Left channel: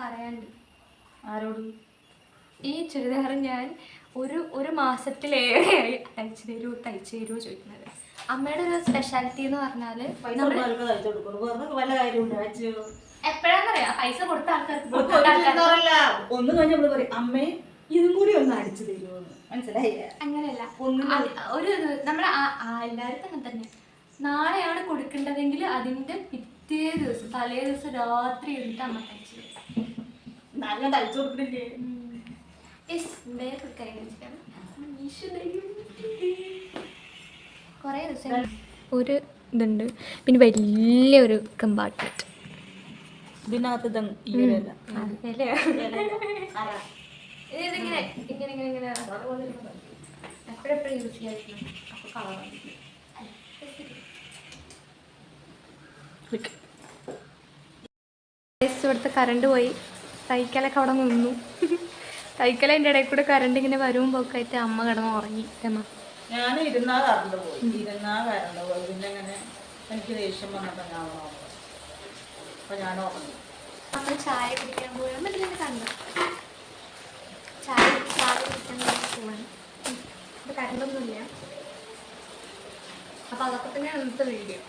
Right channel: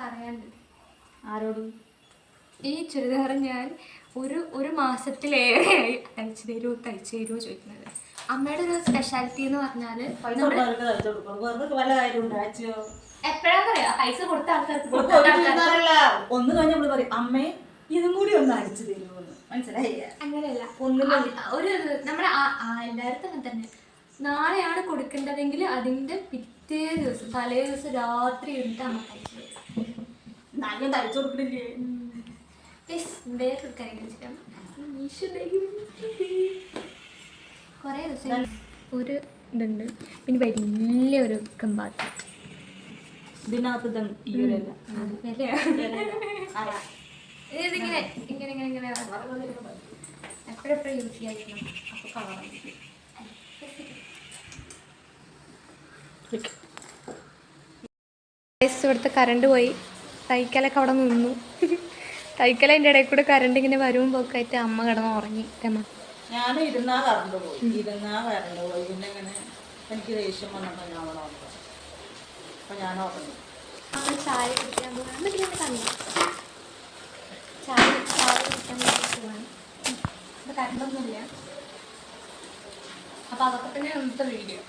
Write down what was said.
പറയാനുണ്ട്. ആരോട്? ഈ ചുരിദാർ ഞാൻ ഒരു മാസത്തിലേറെയായി തയ്ച്ചു തരുമോ ചോദിക്കുന്നത്. അമ്മയുടെ ഒരു സ്പെഷ്യാലിറ്റി എന്ന് പറഞ്ഞാൽ എപ്പോഴാന്നറിയാ പൈസ കൊടുത്ത ആൾക്കാർക്ക് ഒന്ന് കഴിഞ്ഞ പറയും അമ്മേ ഇതും കൂടി ഒന്ന് അയച്ചു തരുമോന്ന്. മനസ്സിലായില്ല? അങ്ങനെയല്ല. ഒരു നമ്മുടെ എല്ലാവർക്കും അങ്ങനെ തന്നെ. നാളെയാണ് കൊടുക്കേണ്ടതെങ്കിൽ അതിന്റെ പിറ്റേ ദിവസം തലേ ദിവസം രാത്രി ഇരുന്നിട്ട് അമ്മ തയ്ച്ചു തരും. തയ്ച്ചു കൊടുക്കണില്ലേ? കുറേ ദിവസം ഒരു ഇതുണ്ട്, പിന്നെ വലിയൊരു കമ്പാർട്ട്മെന്റ്. ഇതിനകത്ത് ഇതിങ്ങനെ എപ്പോഴെപ്പോഴും യൂസ് ചെയ്യാതിരിക്കണം. അപ്പോൾ കളറാണ്. ഇവിടുത്തെ കറണ്ട് പോയി. തൈക്കലൊക്കെ അവിടെ നിന്നു. തൈക്കലതിൻ്റെ ഇടയിൽ കൂടെ കറണ്ട് ഇങ്ങനെ വരും പോക്കായിട്ട് അമ്മ കിടന്ന് ഉറങ്ങി. ഞാൻ ഇരുന്നാ കറണ്ട് പോയി. പിന്നെ അങ്ങനെ എനിക്ക് ദേഷ്യം വന്നപ്പോൾ ഞാൻ അപ്പോൾ ഞാൻ ഉറങ്ങി. നമ്മൾ ചായ കുടിക്കാൻ പോകാൻ പറ്റുന്ന കണ്ടു. ചായ കുടിക്കാൻ പോകാൻ ഇപ്പോൾ കറണ്ടൊന്നുമില്ല. അപ്പോൾ അതൊക്കെ തന്നെ ഇന്നത്തെ വീഡിയോ.